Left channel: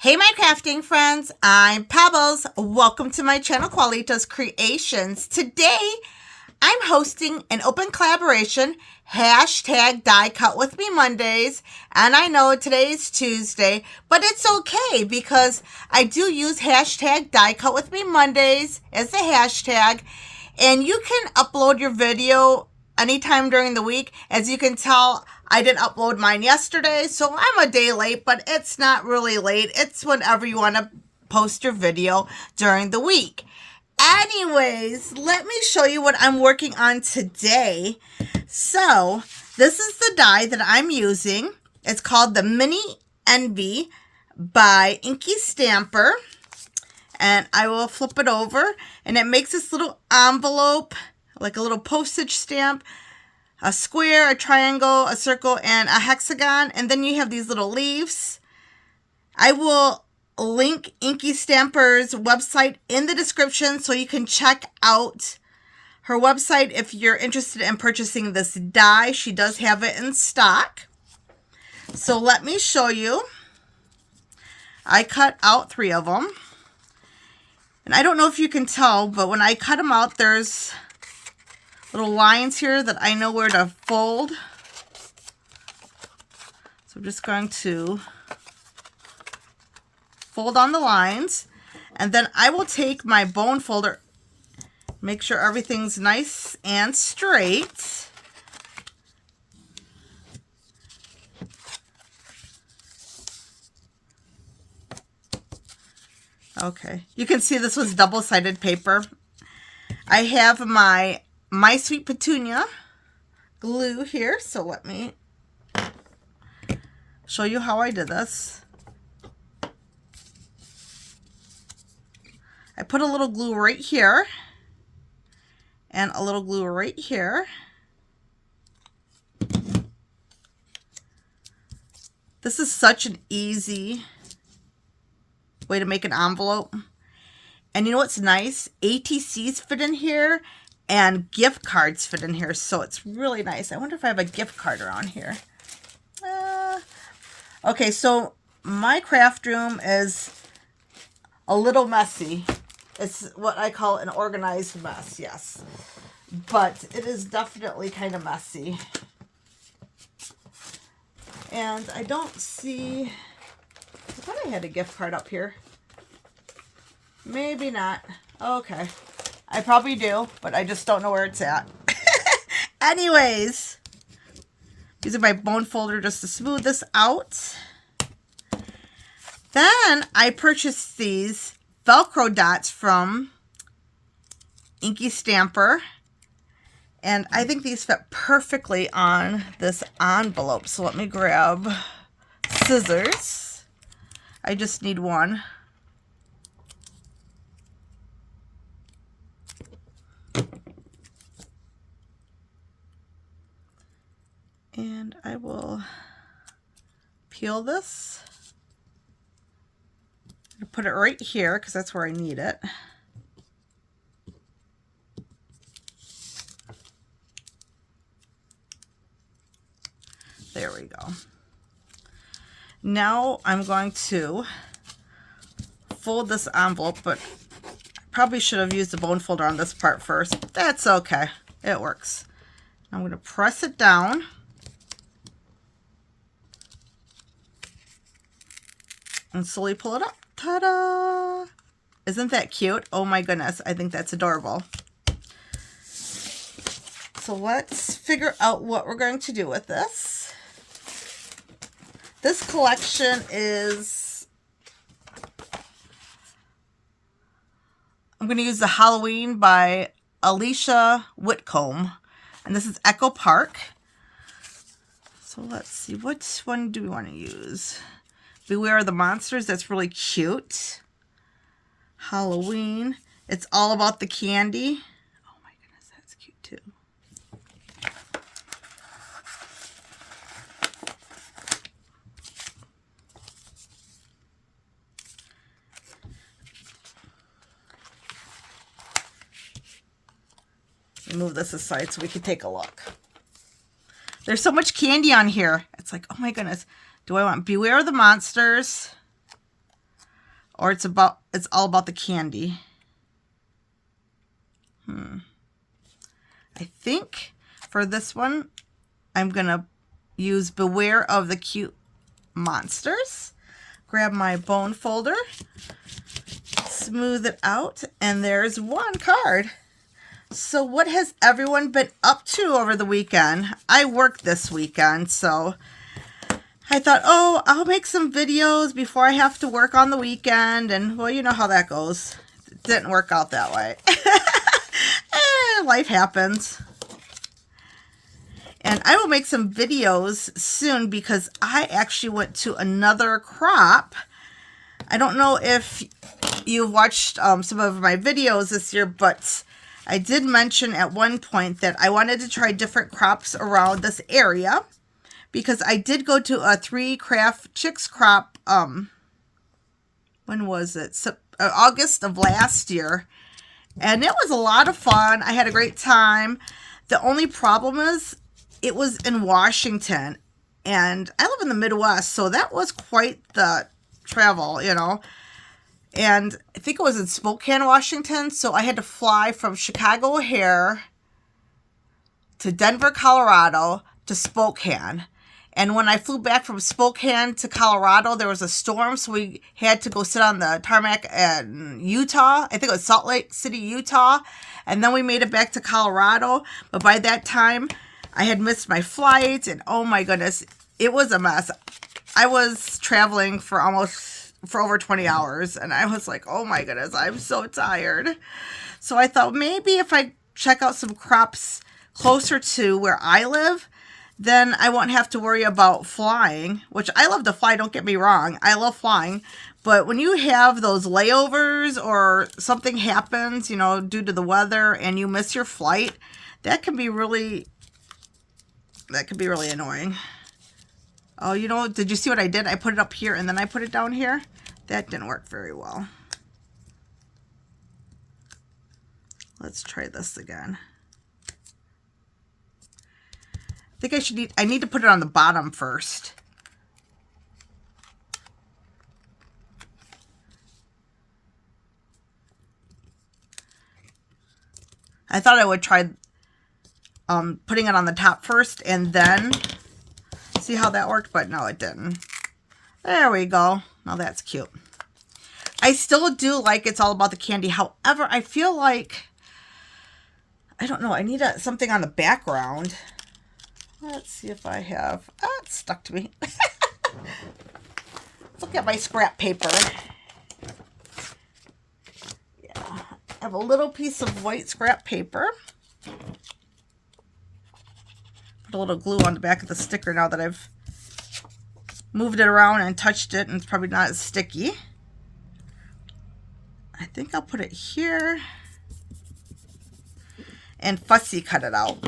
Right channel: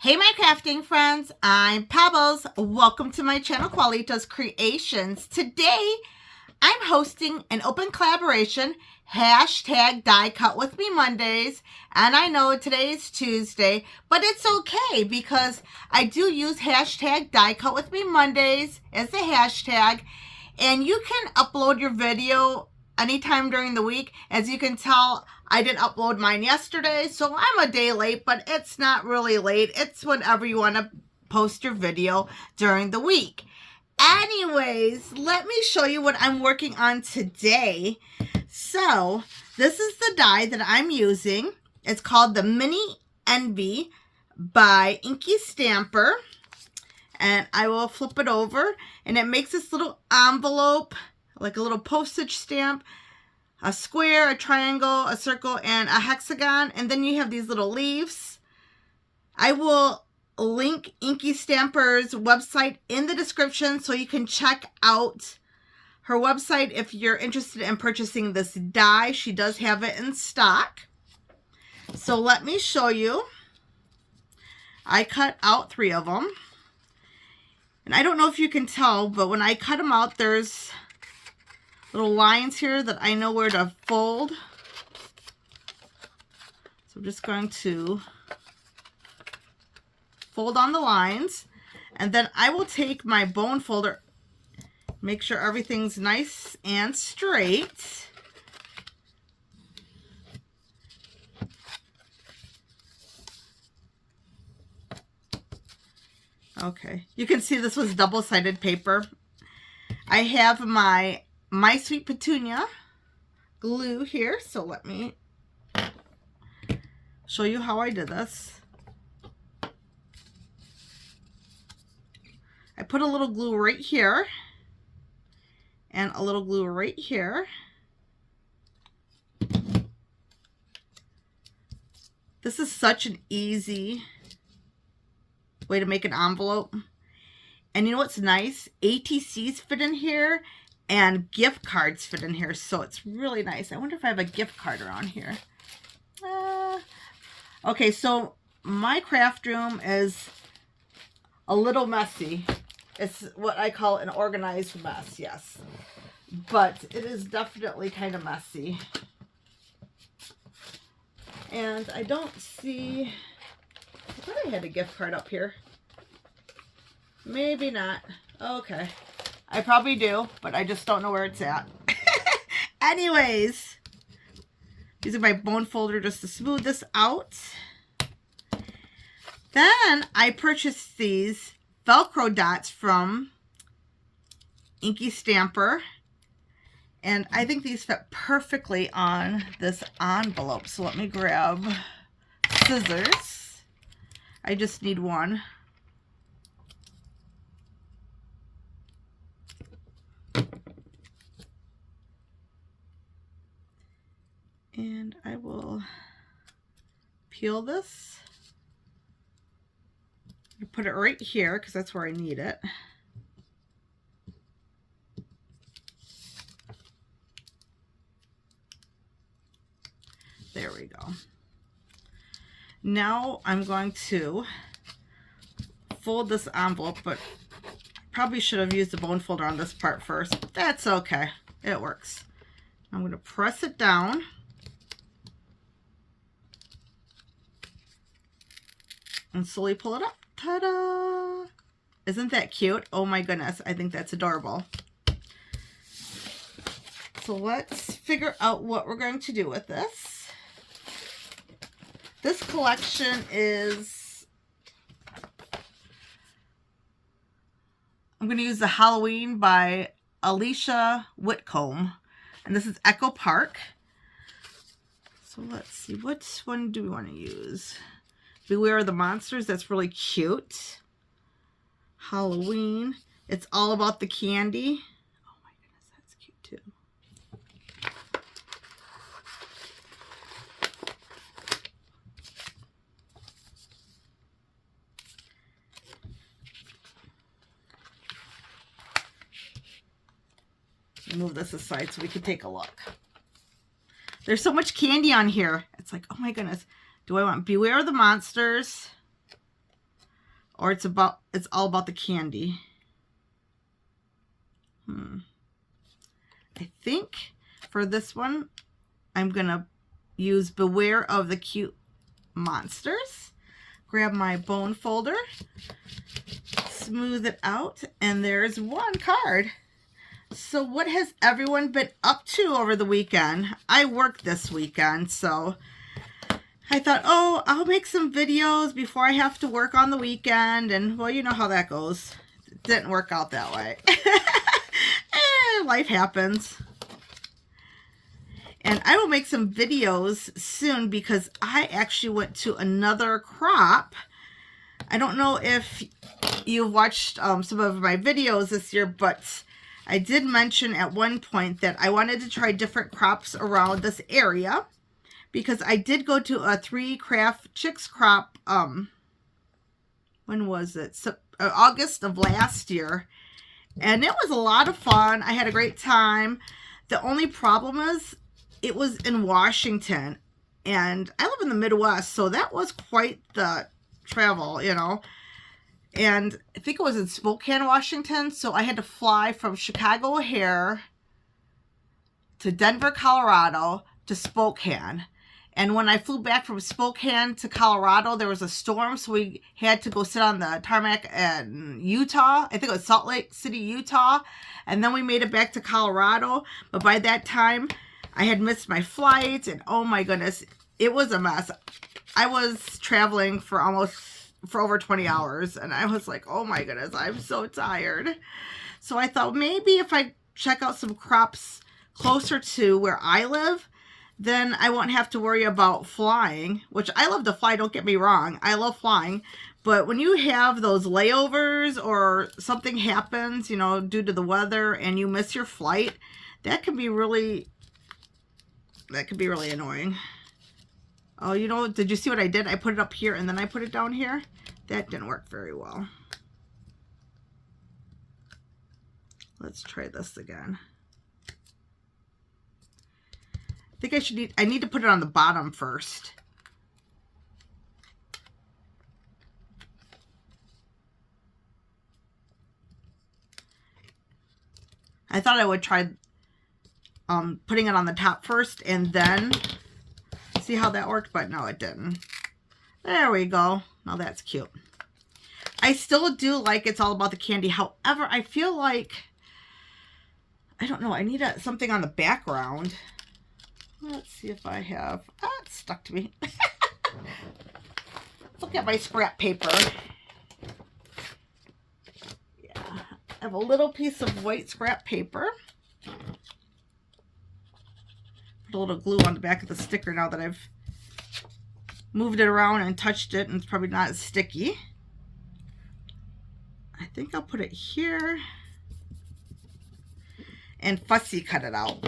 Hey my crafting friends, I'm Pebbles. Welcome to my channel Qualitos Creations. Today I'm hosting an open collaboration, hashtag Die Cut With Me Mondays. And I know today's Tuesday, but it's okay because I do use hashtag Die Cut With Me Mondays as a hashtag. And you can upload your video anytime during the week. As you can tell, I didn't upload mine yesterday, so I'm a day late, but it's not really late. It's whenever you want to post your video during the week. Anyways, let me show you what I'm working on today. So, this is the die that I'm using. It's called the Mini Envy by Inky Stamper. And I will flip it over, and it makes this little envelope, like a little postage stamp, a square, a triangle, a circle, and a hexagon. And then you have these little leaves. I will link Inky Stamper's website in the description so you can check out her website if you're interested in purchasing this die. She does have it in stock. So let me show you. I cut out 3 of them. And I don't know if you can tell, but when I cut them out, there's little lines here that I know where to fold. So I'm just going to fold on the lines. And then I will take my bone folder, make sure everything's nice and straight. Okay, you can see this was double-sided paper. I have my Sweet Petunia glue here, so let me show you how I did this. I put a little glue right here and a little glue right here. This is such an easy way to make an envelope. And you know what's nice? ATCs fit in here and gift cards fit in here, so it's really nice. I wonder if I have a gift card around here. Okay, so my craft room is a little messy. It's what I call an organized mess, yes. But it is definitely kind of messy. And I don't see... I thought I had a gift card up here. Maybe not. Okay. I probably do, but I just don't know where it's at. Anyways, using my bone folder just to smooth this out. Then I purchased these Velcro dots from Inky Stamper. And I think these fit perfectly on this envelope. So let me grab scissors. I just need one. And I will peel this. I'll put it right here because that's where I need it. There we go. Now I'm going to fold this envelope, but I probably should have used the bone folder on this part first. That's okay. It works. I'm going to press it down. And slowly pull it up. Ta-da! Isn't that cute? Oh my goodness, I think that's adorable. So let's figure out what we're going to do with this. This collection is... I'm going to use the Halloween by Alicia Whitcomb. And this is Echo Park. So let's see, which one do we want to use? Beware of the Monsters, that's really cute. Halloween, it's all about the candy. Oh my goodness, that's cute too. Move this aside so we can take a look. There's so much candy on here. It's like, oh my goodness. Do I want Beware of the Monsters? Or it's all about the candy. I think for this one, I'm going to use Beware of the Cute Monsters. Grab my bone folder, smooth it out, and there's one card. So what has everyone been up to over the weekend? I worked this weekend, so I thought, oh, I'll make some videos before I have to work on the weekend. And, well, you know how that goes. It didn't work out that way. Life happens. And I will make some videos soon because I actually went to another crop. I don't know if you watched some of my videos this year, but I did mention at one point that I wanted to try different crops around this area because I did go to a 3 Craft Chicks crop, when was it? August of last year. And it was a lot of fun. I had a great time. The only problem is it was in Washington, and I live in the Midwest, so that was quite the travel, you know. And I think it was in Spokane, Washington, so I had to fly from Chicago O'Hare to Denver, Colorado to Spokane. And when I flew back from Spokane to Colorado, there was a storm, so we had to go sit on the tarmac in Utah. I think it was Salt Lake City, Utah. And then we made it back to Colorado. But by that time, I had missed my flight, and oh my goodness, it was a mess. I was traveling for over 20 hours, and I was like, oh my goodness, I'm so tired. So I thought maybe if I check out some crops closer to where I live, then I won't have to worry about flying, which I love to fly, don't get me wrong. I love flying. But when you have those layovers or something happens, you know, due to the weather and you miss your flight, that can be really annoying. Oh, you know, did you see what I did? I put it up here and then I put it down here. That didn't work very well. Let's try this again. I think I need to put it on the bottom first. I thought I would try putting it on the top first and then see how that worked, but no, it didn't. There we go. Now that's cute. I still do like It's All About the Candy. However, I feel like, I don't know, I need something on the background. Let's see if I have, it stuck to me. Let's look at my scrap paper. Yeah, I have a little piece of white scrap paper. Put a little glue on the back of the sticker now that I've moved it around and touched it, and it's probably not as sticky. I think I'll put it here and fussy cut it out.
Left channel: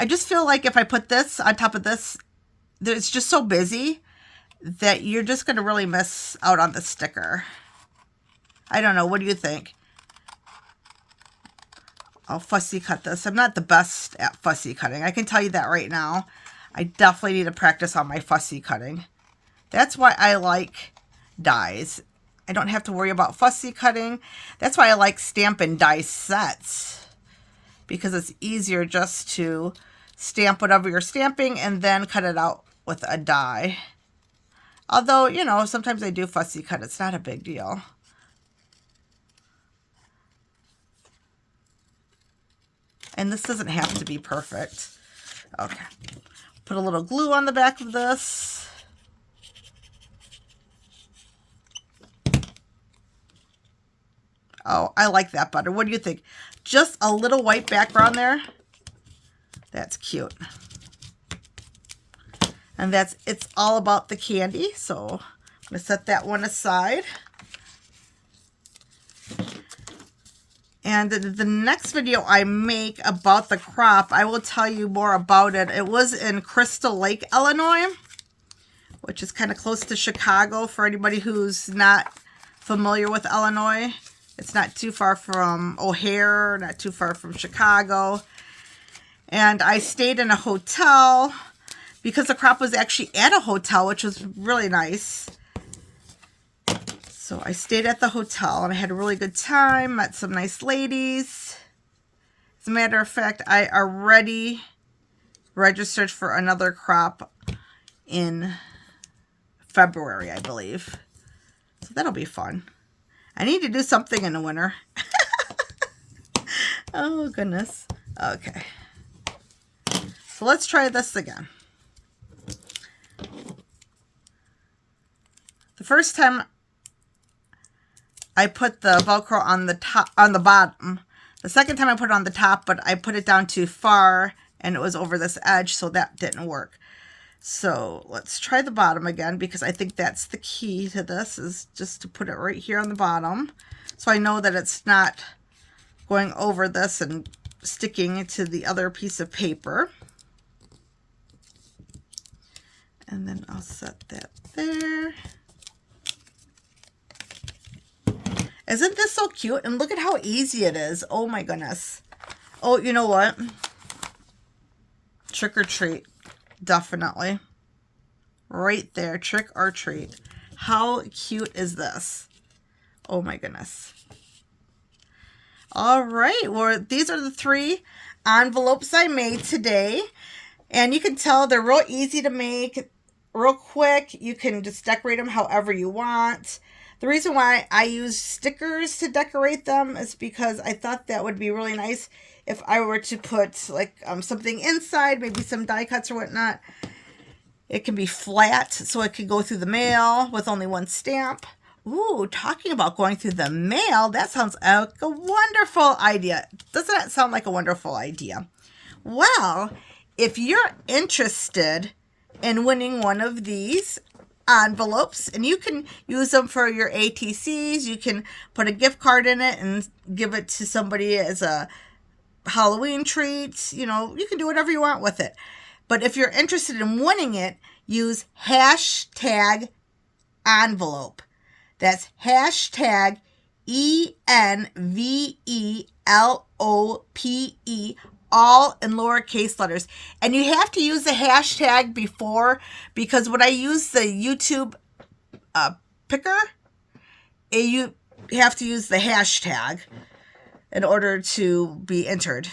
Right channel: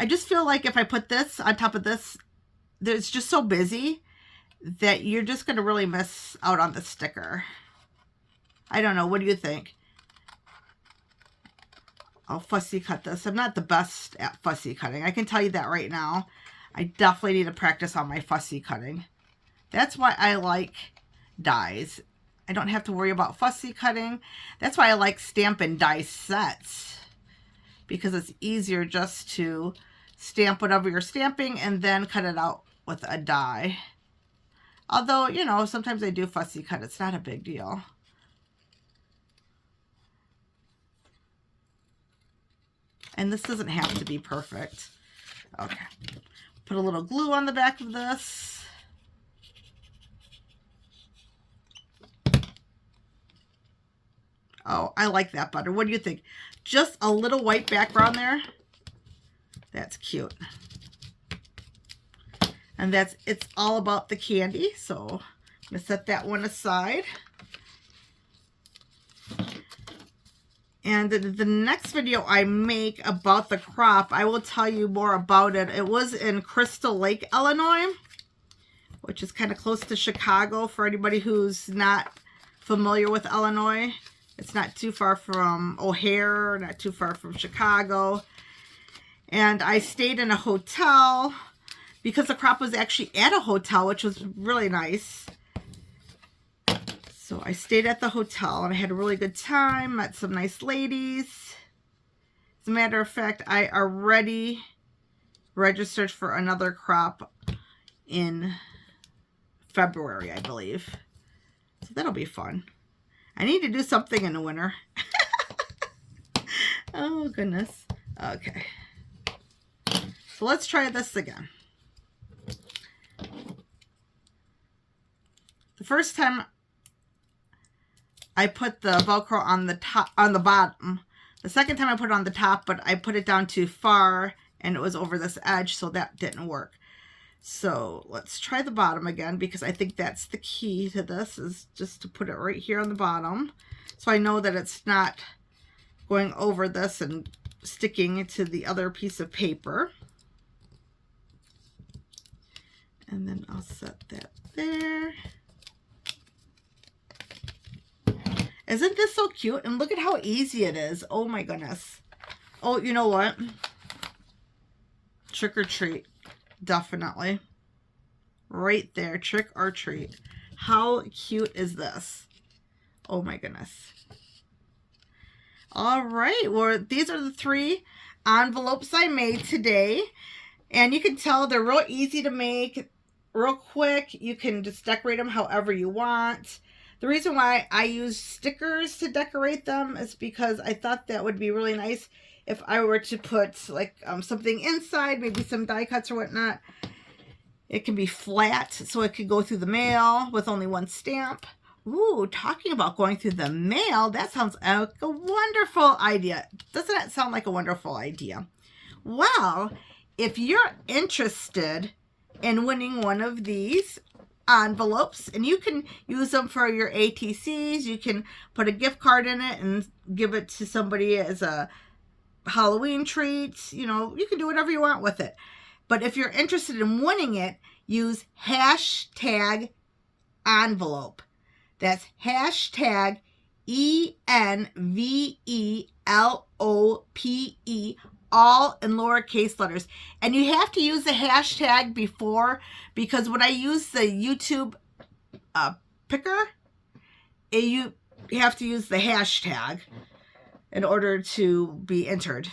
I just feel like if I put this on top of this, it's just so busy that you're just going to really miss out on the sticker. I don't know. What do you think? I'll fussy cut this. I'm not the best at fussy cutting. I can tell you that right now. I definitely need to practice on my fussy cutting. That's why I like dies. I don't have to worry about fussy cutting. That's why I like stamp and die sets, because it's easier just to stamp whatever you're stamping and then cut it out with a die. Although, you know, sometimes I do fussy cut. It's not a big deal. And this doesn't have to be perfect. Okay. Put a little glue on the back of this. Oh, I like that better. What do you think? Just a little white background there. That's cute. And that's It's All About the Candy. So I'm going to set that one aside. And the next video I make about the crop, I will tell you more about it. It was in Crystal Lake, Illinois, which is kind of close to Chicago for anybody who's not familiar with Illinois. It's not too far from O'Hare, not too far from Chicago. And I stayed in a hotel because the crop was actually at a hotel, which was really nice. So I stayed at the hotel and I had a really good time, met some nice ladies. As a matter of fact, I already registered for another crop in February, I believe. So that'll be fun. I need to do something in the winter. Oh, goodness. Okay. So let's try this again. The first time I put the Velcro on the top, on the bottom. The second time I put it on the top, but I put it down too far and it was over this edge, so that didn't work. So let's try the bottom again, because I think that's the key to this, is just to put it right here on the bottom. So I know that it's not going over this and sticking to the other piece of paper. And then I'll set that there. Isn't this so cute? And look at how easy it is. Oh my goodness. Oh, you know what? Trick or treat. Definitely. Right there. Trick or treat. How cute is this? Oh my goodness. All right. Well, these are the 3 envelopes I made today. And you can tell they're real easy to make. Real quick. You can just decorate them however you want. The reason why I use stickers to decorate them is because I thought that would be really nice if I were to put like something inside, maybe some die cuts or whatnot. It can be flat, so it could go through the mail with only 1 stamp. Ooh, talking about going through the mail, that sounds like a wonderful idea. Doesn't that sound like a wonderful idea? Well, if you're interested in winning one of these envelopes, and you can use them for your ATCs, you can put a gift card in it and give it to somebody as a Halloween treat. You know, you can do whatever you want with it. But if you're interested in winning it, use hashtag envelope. That's hashtag ENVELOPE, all in lowercase letters. And you have to use the hashtag before, because when I use the YouTube picker, you have to use the hashtag in order to be entered.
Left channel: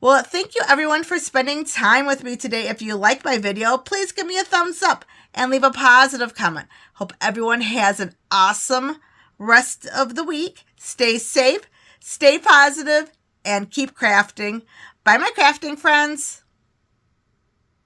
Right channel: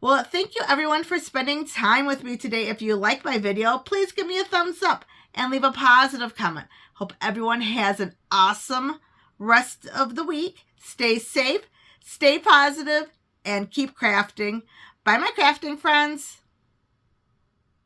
Well, thank you everyone for spending time with me today. If you liked my video, please give me a thumbs up and leave a positive comment. Hope everyone has an awesome rest of the week. Stay safe, stay positive, and keep crafting. Bye, my crafting friends.